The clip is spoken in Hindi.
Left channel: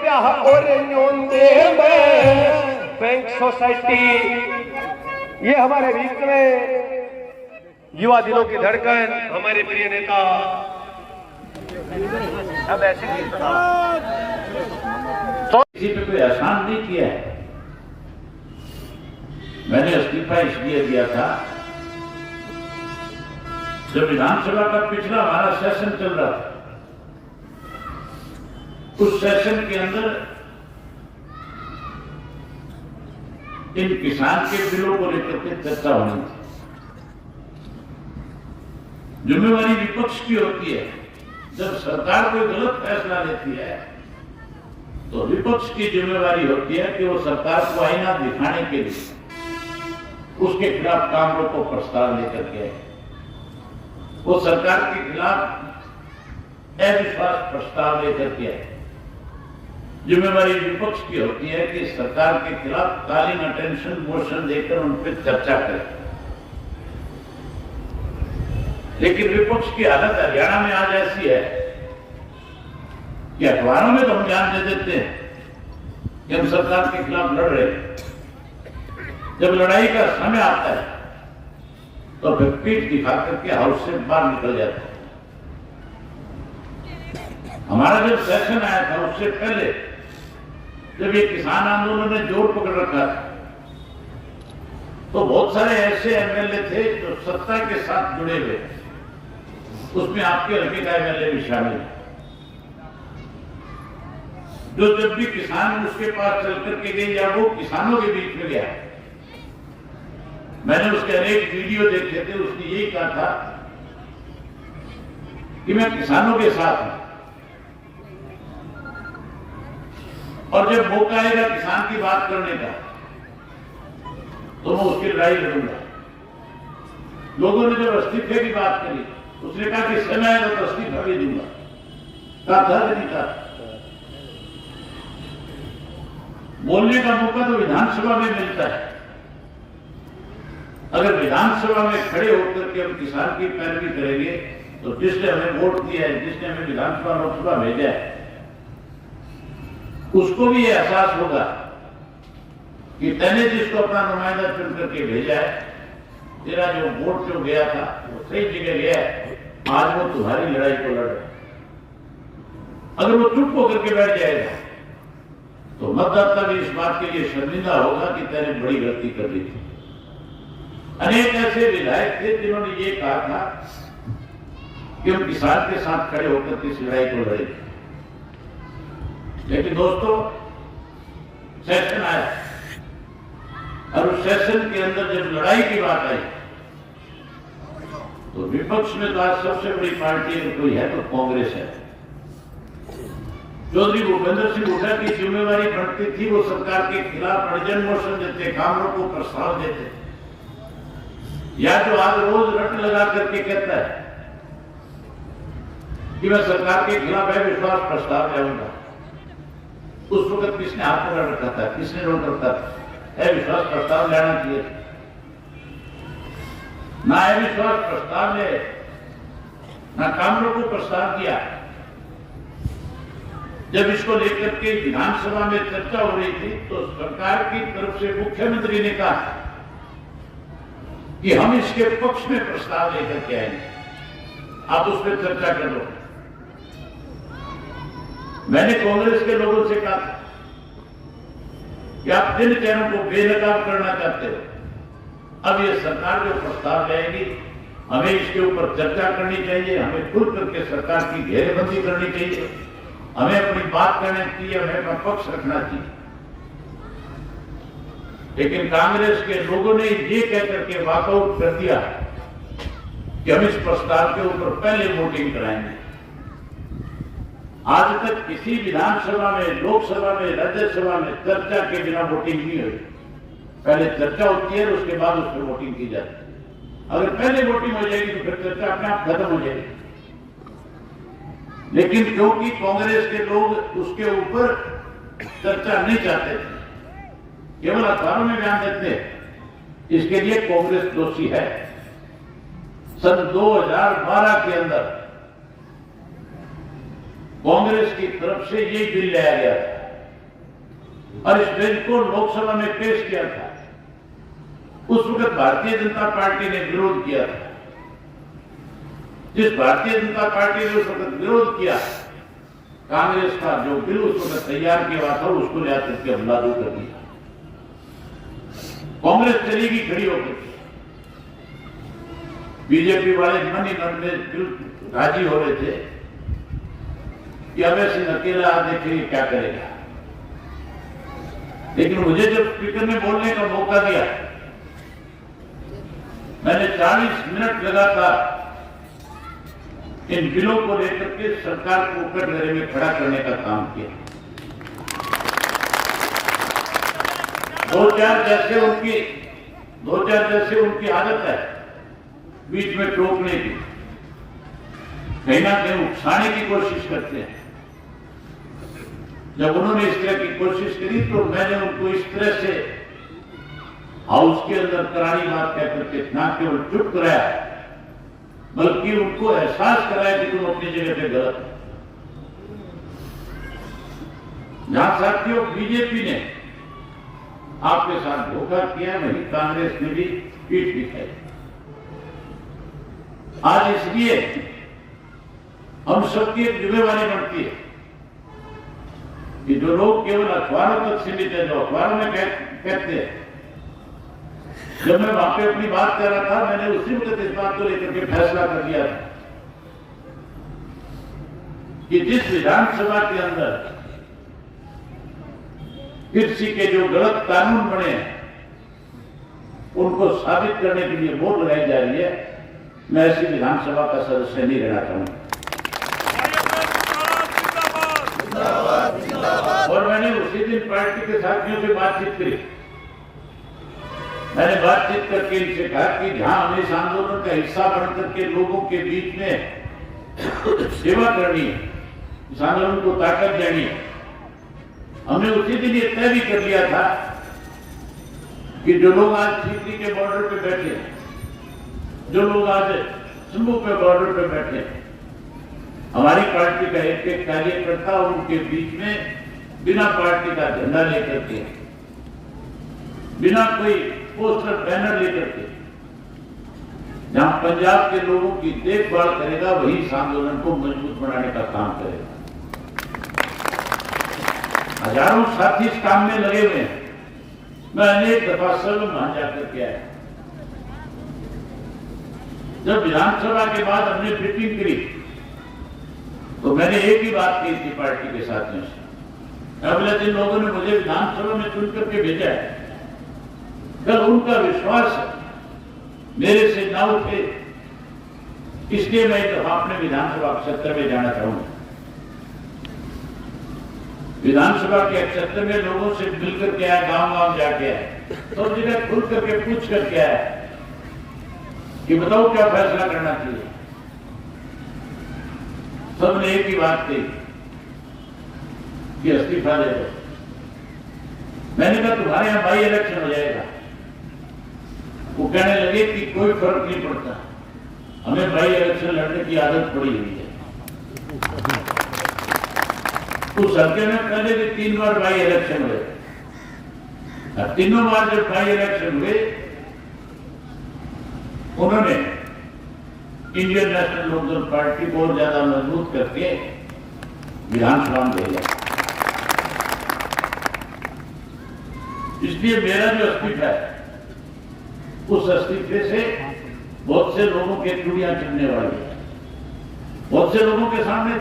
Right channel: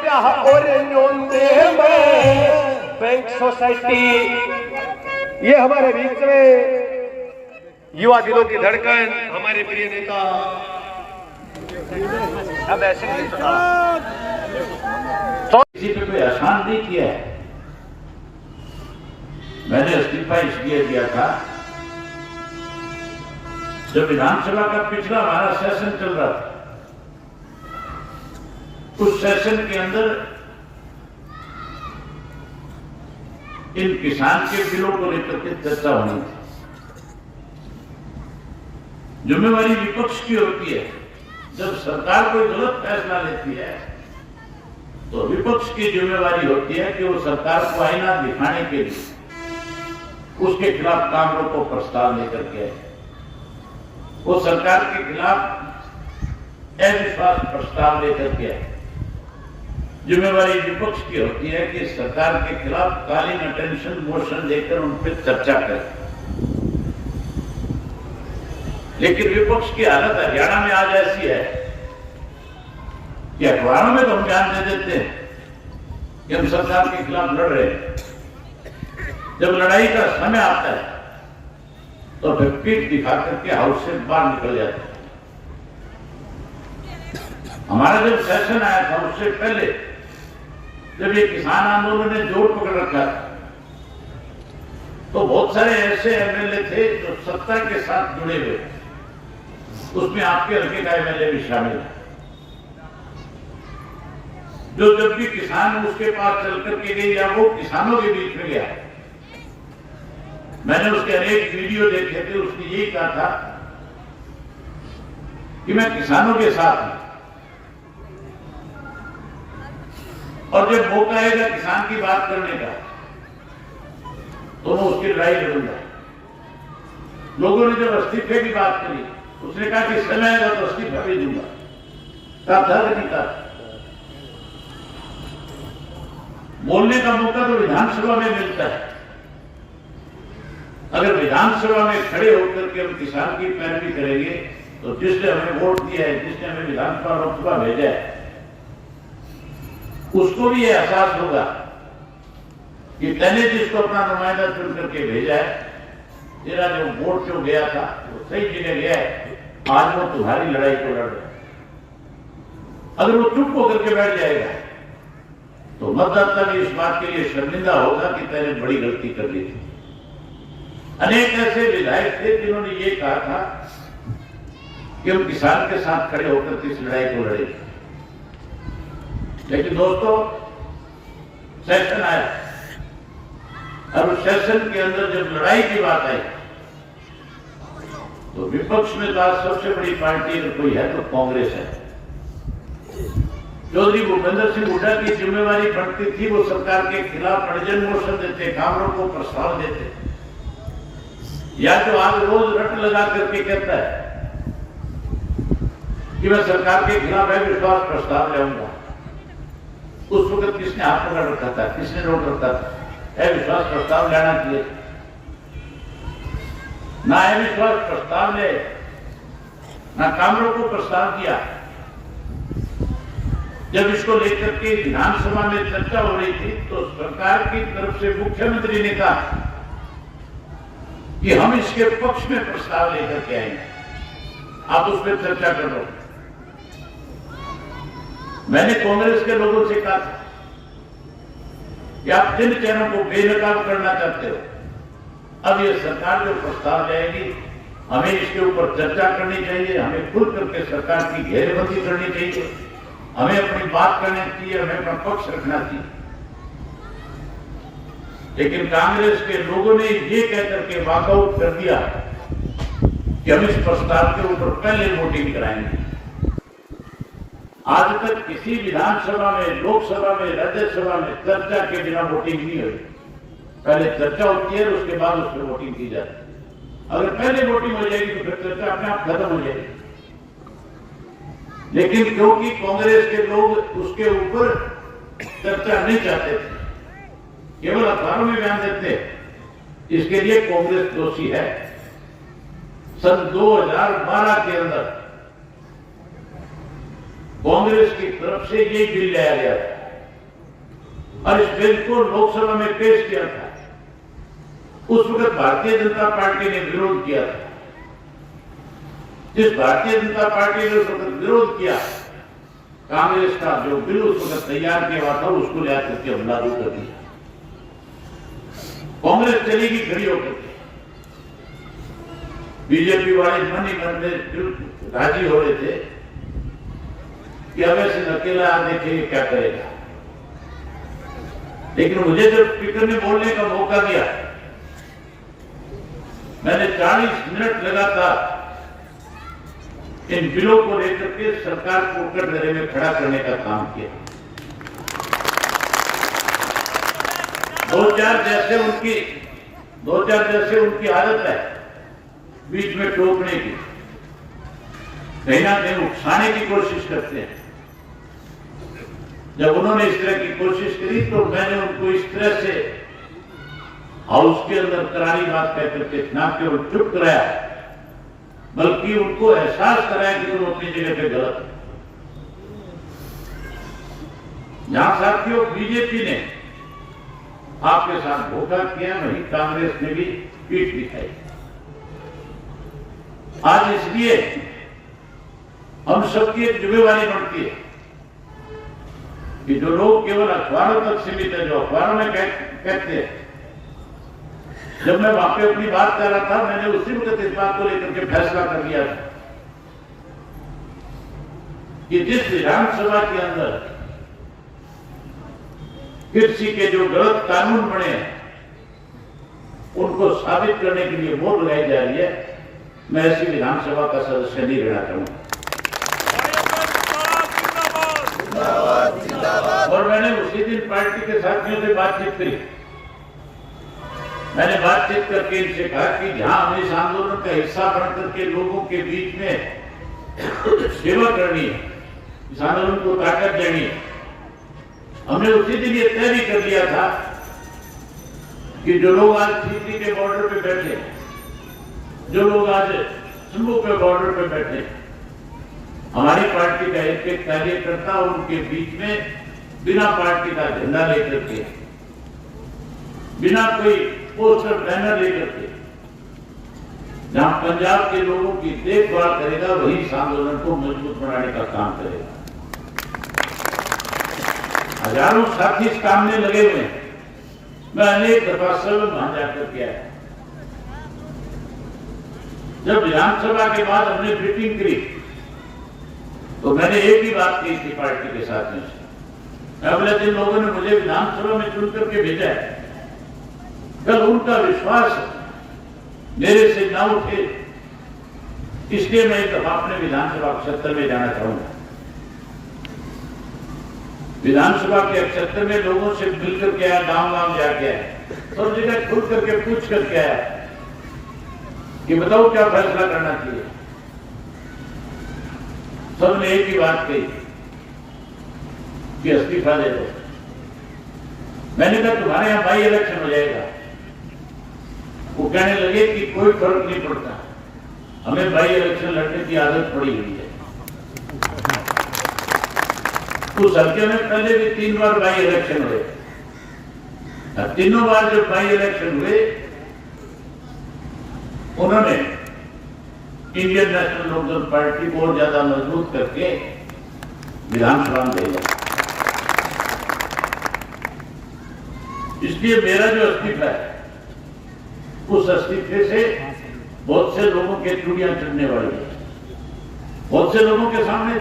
ब्याह और न्योंदे में बैंक सोसाइटी। ये हमारे बीच में युवा दिलों की धड़कन हमारे प्रिय नेता अब ऐसे किसी पे कोई आसान नहीं किया है। मैंने इस्तीफा इसलिए दिया था जब विधानसभा का पिछला हमारा सेशन चल रहा था, उस सेशन के अंदर इन किसान के बिलों को लेकर के चर्चा होनी थी। जिम्मेवारी विपक्ष की होती है। जब सरकार कोई गलत फैसला लेती है तो विपक्ष की जिम्मेवारी होती है कि वो सरकार को आईना दिखाने के लिए उसके खिलाफ काम रोको प्रस्ताव लेकर के वो सरकार के खिलाफ अविश्वास प्रस्ताव लेकर के जिम्मेवारी विपक्ष की होती है कि सरकार के खिलाफ कालीन अटेंशन मोशन देकर उन पर चर्चा करें। लेकिन विपक्ष की हालत हरियाणा में आज ऐसी है कि अखबारों में तो हम ध्यान दे देते हैं कि हम सरकार के खिलाफ लड़ रहे हैं। जब लड़ाई का समय आता है तो फिर पीठ दिखा करके हाउस से बाहर निकल जाते हैं। हमारा जब सेशन आया था उससे पहले जब ये किसान आंदोलन ने जोर पकड़ रखा था तो बहुत सारे ऐसे एमएलए थे जो सत्ता के साथ जुड़े हुए, उसमें आपके हल्के का एमएलए भी शामिल है, जो जब भी किसान उसके पास चल करके गए या वो किसानों के बीच में गया, मैंने उसके अनेक वीडियो देखे थे, उसने यही कहा था कि मैं किसानों के साथ हूं और जब मौका आएगा किसान की बात करने का तो मैं उसकी लड़ाई लड़ूंगा। लोगों ने जब इस्तीफे की बात करी, उसने कहा कि समय आएगा तो इस्तीफा भी दूंगा। कहा था नहीं कहा, बोलने का मौका तो विधानसभा में मिलता है। अगर विधानसभा में खड़े होकर के हम किसान की पैरवी करेंगे तो जिसने हमें वोट दिया है, जिसने हमें विधानसभा लोकसभा भेजा है, उसको भी यह एहसास होगा कि मैंने जिसको अपना नुमाइंदा चुन करके भेजा है, तेरा जो वोट जो गया था वो सही जगह गया है, आज वो तुम्हारी लड़ाई को लड़ रहा है। अगर वो चुप होकर के बैठ जाएगा तो मतदाता भी इस बात के लिए शर्मिंदा होगा कि तेने बड़ी गलती कर ली थी। अनेक ऐसे विधायक थे जिन्होंने ये कहा था कि हम किसान के साथ खड़े होकर इस लड़ाई को लड़ेंगे। लेकिन दोस्तों, सेशन आया और उस सेशन के अंदर जब लड़ाई की बात आई तो विपक्ष में तो आज सबसे बड़ी पार्टी अगर कोई है तो कांग्रेस है। चौधरी भूपेंद्र सिंह हुड्डा की जिम्मेवारी बनती थी, वो सरकार के खिलाफ अर्जन मोशन देते, कामों को प्रस्ताव देते, या जो आज रोज रट लगा करके कहता है कि मैं सरकार के खिलाफ अविश्वास प्रस्ताव लाऊंगा। उस वक्त किसने हाथ पकड़ रखा था, किसने रोक रखा था? अविश्वास प्रस्ताव लाना चाहिए ना, अविश्वास प्रस्ताव ले ना कामरों को प्रस्ताव किया। जब इसको लेकर के विधानसभा में चर्चा हो रही थी तो सरकार की तरफ से मुख्यमंत्री ने कहा कि हम इसके पक्ष में प्रस्ताव लेकर के आएंगे, आप उस पर चर्चा करो। मैंने कांग्रेस के लोगों से कहा कि आप जिन चेहरों को बेनकाब करना चाहते हो, अब ये सरकार जो प्रस्ताव लाएगी हमें इसके ऊपर चर्चा करनी चाहिए, हमें खुल करके सरकार की घेरेबंदी करनी चाहिए, हमें अपनी बात करनी चाहिए, हमें अपना पक्ष रखना चाहिए। लेकिन कांग्रेस के लोगों ने ये कहकर के वॉकआउट कर दिया कि हम इस प्रस्ताव के ऊपर पहले वोटिंग कराएंगे। आज तक किसी विधानसभा में, लोकसभा में, राज्यसभा में चर्चा के बिना वोटिंग नहीं हुई। पहले चर्चा होती है और उसके बाद उस पर वोटिंग की जाती है। अगर पहले वोटिंग हो जाएगी तो फिर चर्चा अपने आप खत्म हो जाएगी। लेकिन क्योंकि कांग्रेस के लोग उसके ऊपर चर्चा नहीं चाहते थे, केवल अखबारों में बयान देते, इसके लिए कांग्रेस दोषी है। सन 2012 के अंदर कांग्रेस की तरफ से यही बिल लाया गया था और इस बिल को लोकसभा में पेश किया था। उस वक्त भारतीय जनता पार्टी ने विरोध किया था। जिस भारतीय जनता पार्टी ने उस वक्त विरोध किया, कांग्रेस का जो बिल उस वक्त तैयार किया था उसको जाकर के लागू कर दिया। कांग्रेस चलेगी खड़ी होकर, बीजेपी वाले मन ही मन में राजी हो रहे थे कि अवैध सिंह अकेला देखेंगे क्या करेगा। लेकिन मुझे जब स्पीकर ने बोलने का मौका दिया, मैंने 40 मिनट लगातार इन बिलों को लेकर के सरकार को कटघरे में खड़ा करने का काम किया। दो चार जैसे उनकी आदत है बीच में टोकने की, कहीं ना कहीं उकसाने की कोशिश करते हैं। जब उन्होंने इस तरह की कोशिश करी तो मैंने उनको इस तरह से हाउस के अंदर करारी बात कह करके ना केवल चुप कराया, बल्कि उनको एहसास कराया कि तुम अपनी जगह पे गलत है। जहां साथियों बीजेपी ने आपके साथ धोखा किया, वहीं कांग्रेस ने भी पीठ दिखाई। आज इसलिए हम सबकी एक जिम्मेवारी बनती है कि जो लोग केवल अखबारों तक सीमित है, जो अखबारों में कहते हैं, जब मैं वहां पे अपनी बात कर रहा था, मैंने उसी वक्त इस बात को लेकर के फैसला कर लिया था कि जिस विधानसभा के अंदर कृषि के जो गलत कानून बने हैं उनको साबित करने के लिए वोट लगाई जा रही है, मैं ऐसी विधानसभा का सदस्य नहीं रहना चाहूंगा। और मैंने उसी दिन पार्टी के साथियों से बातचीत करी। मैंने बातचीत करके इनसे कहा कि जहां हमें इस आंदोलन का हिस्सा बनकर के लोगों के बीच में सेवा करनी है, इस आंदोलन को ताकत देनी है, हमने उसी दिन ये तय भी कर लिया था कि जो लोग आज सीकरी के बॉर्डर पे बैठे, जो लोग आज शंभू के बॉर्डर पे बैठे, हमारी पार्टी का एक एक कार्यकर्ता उनके बीच में बिना पार्टी का झंडा लेकर के, बिना कोई पोस्टर बैनर लेकर के, जहां पंजाब के लोगों की देखभाल करेगा, वही इस आंदोलन को मजबूत बनाने का काम करेगा। हजारों साथी इस काम में लगे हुए हैं। मैं अनेक दफा सलम वहां जाकर के आया। जब विधानसभा के बाद हमने मीटिंग करी तो मैंने एक ही बात कही थी पार्टी के साथियों से, अगले दिन लोगों ने मुझे विधानसभा में चुन करके भेजा है, कल उनका विश्वास मेरे से ना उठे, इसलिए मैं एक दफा अपने विधानसभा क्षेत्र में जाना चाहूंगा। विधानसभा के क्षेत्र में लोगों से मिलकर के आया, गांव गांव जाके आया, सब जगह खुल करके पूछ करके आया कि बताओ क्या फैसला करना चाहिए। सबने एक ही बात कही कि इस्तीफा दे दो। मैंने कहा तुम्हारे यहां बाई इलेक्शन हो जाएगा। वो कहने लगे कि कोई फर्क नहीं पड़ता, हमें बाई इलेक्शन लड़ने की आदत पड़ी हुई है। उस हल्के में पहले भी 3 बार बाई इलेक्शन हुए, और तीनों बार जब बाई इलेक्शन हुए उन्होंने इंडियन नेशनल लोकदल पार्टी को और ज्यादा मजबूत करके विधानसभा में भेजा। इसलिए मेरा जो इस्तीफा है, उस इस्तीफे से बहुत से लोगों के चूड़ियां चुनने वाली है, बहुत से लोगों के सामने